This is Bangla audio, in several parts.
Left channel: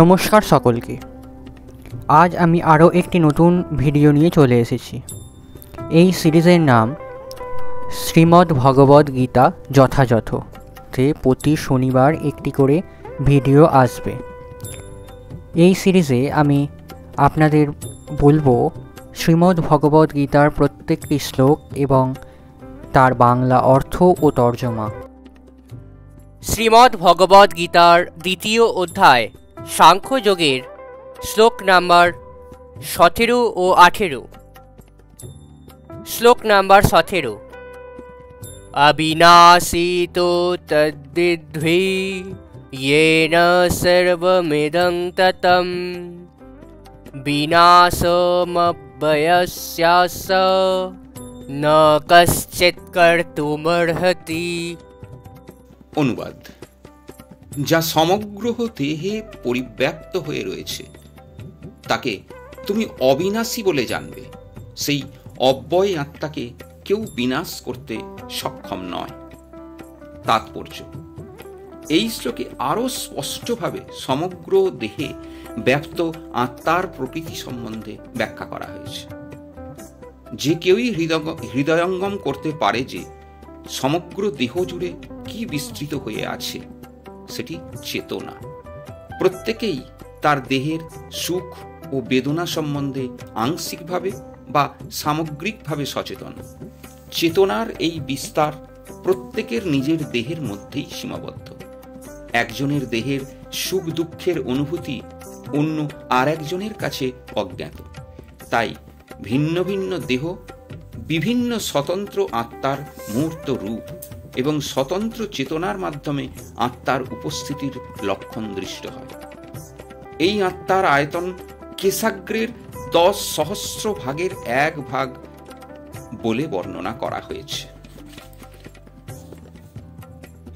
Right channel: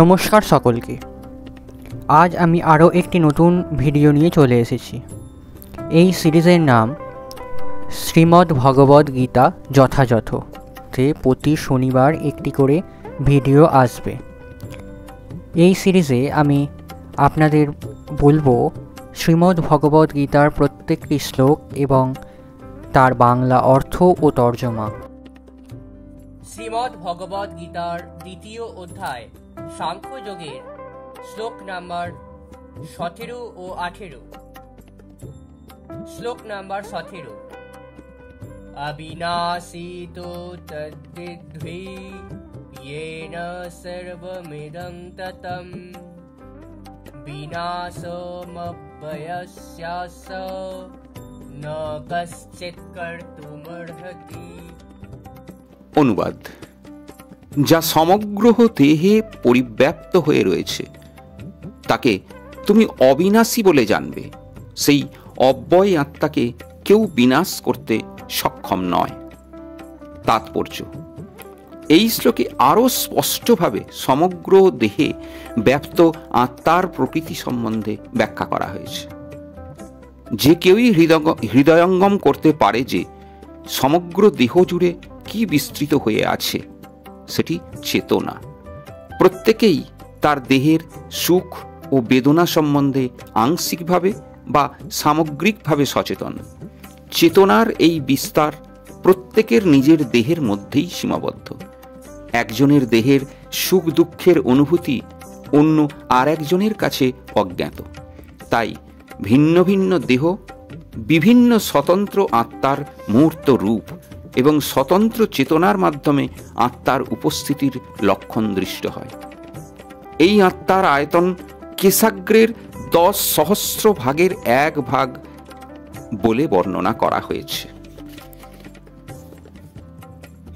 নমস্কার সকলকে। আজ আমি আরও একটি নতুন ভিডিও নিয়ে চলে এসেছি। এই সিরিজের নাম শ্রীমদ্ ভগবদ্ গীতা যথাযথ, তে প্রতি শনিবার একটি করে ভিডিও আসবে। এই সিরিজে আমি আপনাদের বলবো শ্রীমদ্ ভগবদ্ গীতার প্রত্যেকটি শ্লোক এবং তার বাংলা অর্থ ও তর্জমা। শ্রীমদ্ ভগবদ্ গীতার দ্বিতীয় অধ্যায় সাংখ্যযোগের শ্লোক নাম্বার 17 ও 18। শ্লোক নাম্বার 17। অবিনাশী তো তদ্বিদ্ধি येन सर्वमिदं ततं विनाशमव्ययस्यास्य न कश्चित् कर्तुमर्हति। অনুবাদ: যা সমগ্র দেহে পরিব্যাপ্ত হয়ে রয়েছে তাকে তুমি অবিনাশী বলে জানবে। সেই অব্যয় আত্মাকে কেউ বিনাশ করতে সক্ষম নয়। তাৎপর্য: এই শ্লোকে আরো স্পষ্টভাবে সমগ্র দেহে ব্যাপ্ত আত্মার প্রকৃতি সম্বন্ধে ব্যাখ্যা করা হয়েছে। যে কেউই হৃদয়ঙ্গম করতে পারে যে সমগ্র দেহ জুড়ে কি বিস্তৃত হয়ে আছে সেটি চেতনা। প্রত্যেকেই তার দেহের সুখ ও বেদনা সম্বন্ধে আংশিকভাবে বা সামগ্রিকভাবে সচেতন। চেতনার এই বিস্তার প্রত্যেকের নিজের দেহের মধ্যেই সীমাবদ্ধ। একজনের দেহের সুখ দুঃখের অনুভূতি অন্য আর একজনের কাছে অজ্ঞাত। তাই ভিন্ন ভিন্ন দেহ বিভিন্ন স্বতন্ত্র আত্মার মূর্ত রূপ এবং স্বতন্ত্র চেতনার মাধ্যমে আত্মার উপস্থিতির লক্ষণ দৃষ্ট হয়। এই আত্মার আয়তন কেশাগ্রের 10 সহস্র ভাগের 1 ভাগ বলে বর্ণনা করা হয়েছে।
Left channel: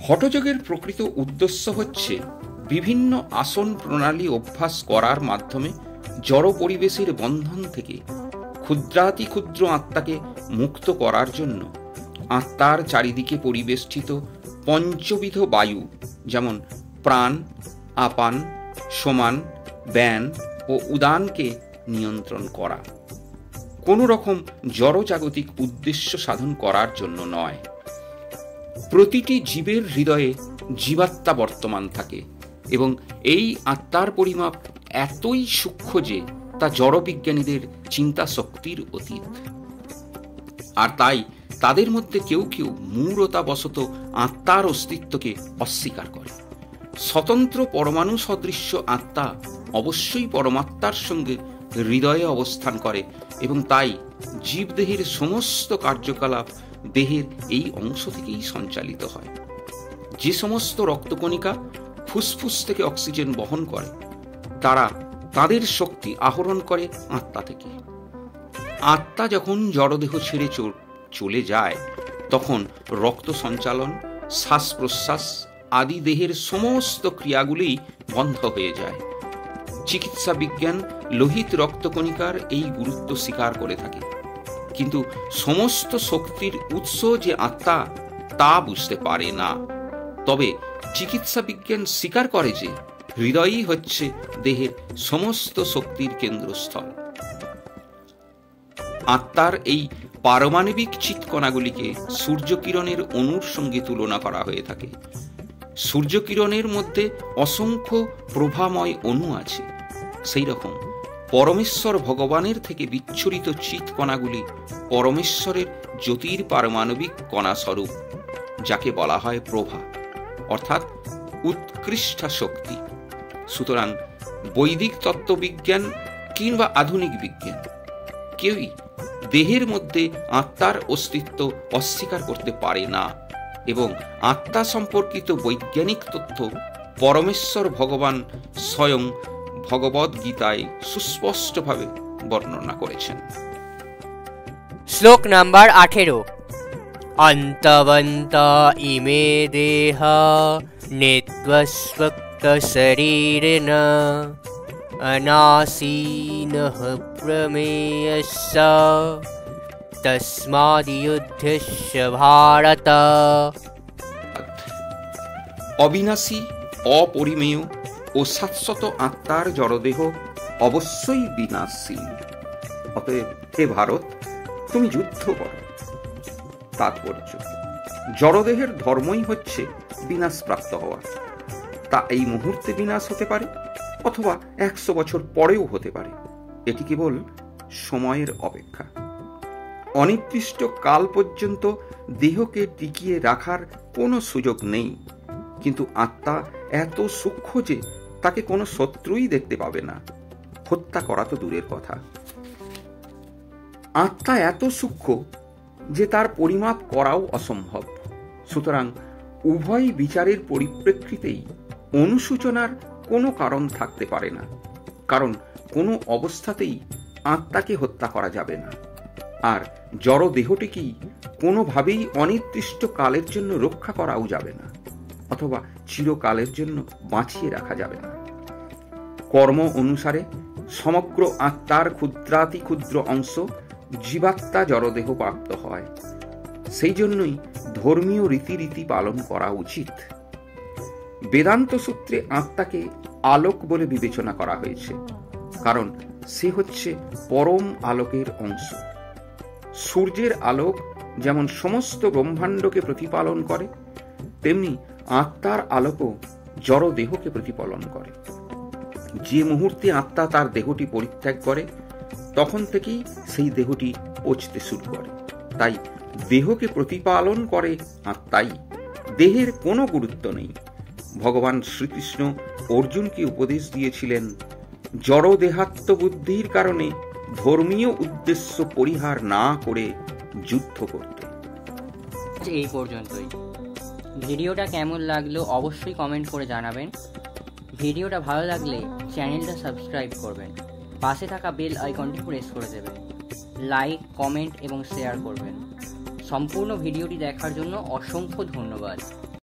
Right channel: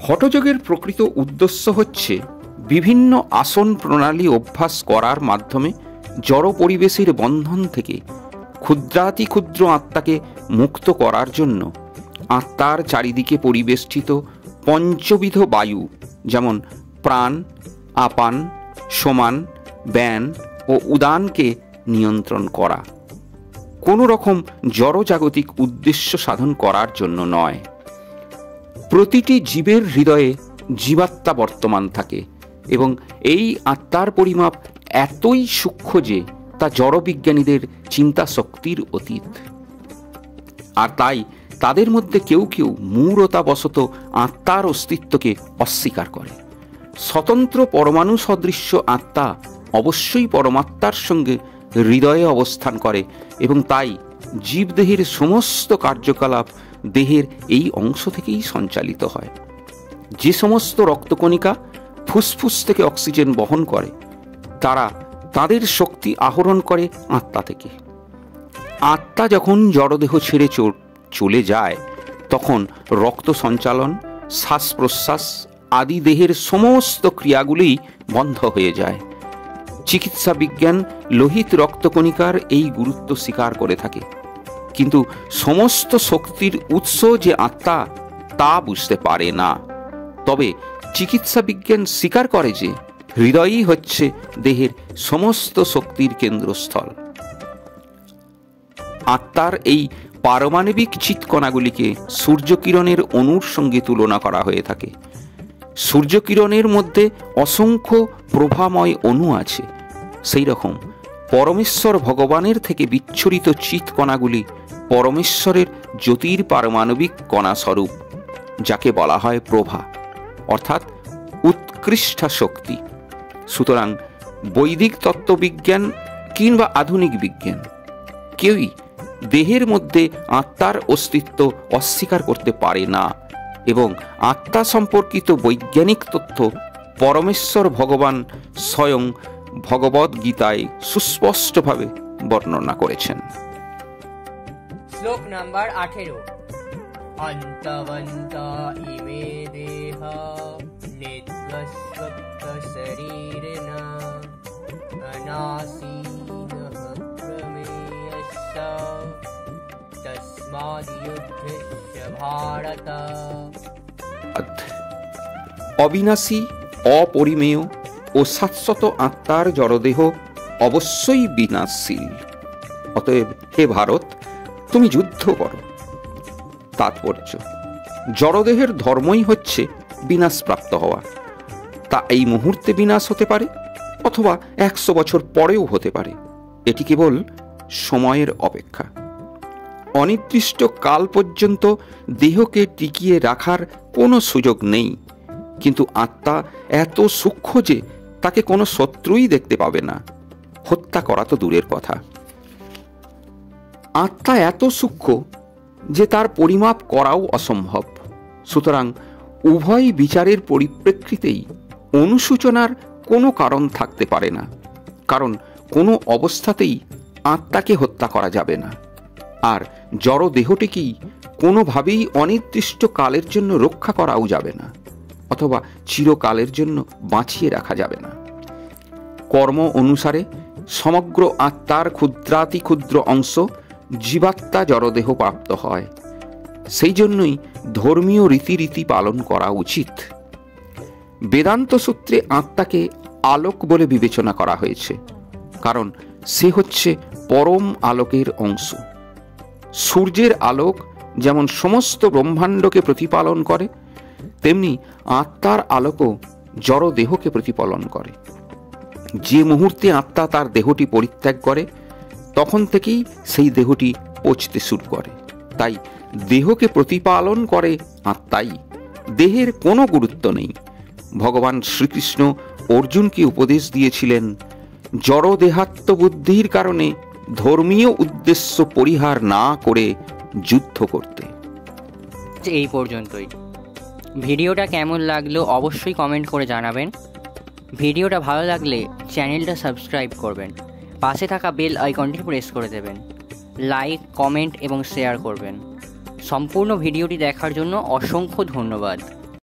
হঠযোগের প্রকৃত উদ্দেশ্য হচ্ছে বিভিন্ন আসন প্রণালী অভ্যাস করার মাধ্যমে জড় পরিবেশের বন্ধন থেকে ক্ষুদ্রাতি ক্ষুদ্র আত্মাকে মুক্ত করার জন্য আত্মার চারিদিকে পরিবেষ্টিত পঞ্চবিধ বায়ু, যেমন প্রাণ, আপান, সমান, ব্যান ও উদানকে নিয়ন্ত্রণ করা। কোনো রকম জড়জাগতিক উদ্দেশ্য সাধন করার জন্য নয়। প্রতিটি জীবের হৃদয়ে জীবাত্মা বর্তমান থাকে এবং এই আত্মার পরিমাপ এতই সূক্ষ্ম যে তা জড়বিজ্ঞানীদের চিন্তা শক্তির অতীত। আর তাই তাদের মধ্যে কেউ কেউ মূঢ়তাবশত আত্মার অস্তিত্বকে অস্বীকার করে। স্বতন্ত্র পরমাণু সদৃশ্য আত্মা অবশ্যই পরমাত্মার সঙ্গে হৃদয়ে অবস্থান করে এবং তাই জীবদেহের সমস্ত কার্যকলাপ দেহের এই অংশ থেকেই সঞ্চালিত হয়। যে সমস্ত রক্তকণিকা ফুসফুস থেকে অক্সিজেন বহন করে তারা তাদের শক্তি আহরণ করে আত্মা থেকে। আত্মা যখন জড়দেহ ছেড়ে চলে যায় তখন রক্ত সঞ্চালন, শ্বাস প্রশ্বাস আদি দেহের সমস্ত ক্রিয়াগুলি বন্ধ হয়ে যায়। চিকিৎসা বিজ্ঞান লোহিত রক্তকণিকার এই গুরুত্ব স্বীকার করে থাকে, কিন্তু সমস্ত শক্তির উৎস যে আত্মা তা বুঝতে পারে না। তবে চিকিৎসা বিজ্ঞান স্বীকার করে যে হৃদয়ই হচ্ছে দেহের সমস্ত শক্তির কেন্দ্রস্থল। আত্মার এই পারমাণবিক চিৎকণাগুলিকে সূর্যকিরণের অণুর সঙ্গে তুলনা করা হয়ে থাকে। সূর্যকিরণের মধ্যে অসংখ্য প্রভাময় অণু আছে। সেই রকম পরমেশ্বর ভগবানের থেকে বিচ্ছুরিত চিৎকণাগুলি পরমেশ্বরের জ্যোতির পারমাণবিক কণা স্বরূপ, যাকে বলা হয় প্রভা, অর্থাৎ উৎকৃষ্ট শক্তি। সুতরাং বৈদিক তত্ত্ববিজ্ঞান কিংবা আধুনিক বিজ্ঞান কেউই দেহের মধ্যে আত্মার অস্তিত্ব অস্বীকার করতে পারে না এবং আত্মা সম্পর্কিত বৈজ্ঞানিক তথ্য পরমেশ্বর ভগবান স্বয়ং ভগবদ্ গীতায় সুস্পষ্টভাবে বর্ণনা করেছেন। শ্লোক নাম্বার 18। অন্তবন্ত ইমে দেহ নিত্যস্বক্ত শরীরেণ অনাসীনঃ প্রমেয়স্য তস্মাদ্যুদ্ধস্য ভারত। অবিনাশী, অপরিমেয় ও ও শাশ্বত আত্মার জড়দেহ অবশ্যই বিনাশশীল। অতএব হে ভারত, তুমি যুদ্ধ করো। তাৎপর্য: জড়দেহের ধর্মই হচ্ছে বিনাশপ্রাপ্ত হওয়া। তা এই মুহূর্তে বিনাশ হতে পারে, অথবা 100 বছর পরেও হতে পারে। এটি কেবল সময়ের অপেক্ষা। অনির্দিষ্ট কাল পর্যন্ত দেহকে টিকিয়ে রাখার কোনো সুযোগ নেই, কিন্তু আত্মা এত সূক্ষ্ম যে তাকে কোনো শত্রুই দেখতে পাবে না, হত্যা করা তো দূরের কথা। আত্মা এত সূক্ষ্ম যে তার পরিমাপ করাও অসম্ভব। সুতরাং উভয় বিচারের পরিপ্রেক্ষিতেই অনুসূচনার কোনো কারণ থাকতে পারে না, কারণ কোনো অবস্থাতেই আত্মাকে হত্যা করা যাবে না, আর জড় দেহটিকেই কোনোভাবেই অনির্দিষ্ট কালের জন্য রক্ষা করাও যাবে না, অথবা চিরকালের জন্য বাঁচিয়ে রাখা যাবে না। কর্ম অনুসারে সমগ্র আত্মার ক্ষুদ্রাতি ক্ষুদ্র অংশ জীবাত্মা জড়দেহ প্রাপ্ত হয়। সেই জন্যই ধর্মীয় রীতিরীতি পালন করা উচিত। বেদান্ত সূত্রে আত্মাকে আলোক বলে বিবেচনা করা হয়েছে, কারণ সে হচ্ছে পরম আলোকের অংশ। সূর্যের আলোক যেমন সমস্ত ব্রহ্মাণ্ডকে প্রতিপালন করে, তেমনি আত্মার আলোকও জড় দেহকে প্রতিপালন করে। যে মুহূর্তে আত্মা তার দেহটি পরিত্যাগ করে, তখন থেকেই সেই দেহটি পচতে শুরু করে। তাই দেহকে প্রতিপালন করে আত্মাই, দেহের কোনো গুরুত্ব নেই। ভগবান শ্রীকৃষ্ণ অর্জুনকে উপদেশ দিয়েছিলেন জড় দেহাত্ম বুদ্ধির কারণে ধর্মীয় উদ্দেশ্য পরিহার না করে যুদ্ধ করতে। এই পর্যন্তই। ভিডিওটা কেমন লাগলো অবশ্যই কমেন্ট করে জানাবেন। ভিডিওটা ভালো লাগলে চ্যানেলটা সাবস্ক্রাইব করবেন, পাশে থাকা বেল আইকনটি প্রেস করে দেবেন, লাইক, কমেন্ট এবং শেয়ার করবেন। সম্পূর্ণ ভিডিওটি দেখার জন্য অসংখ্য ধন্যবাদ।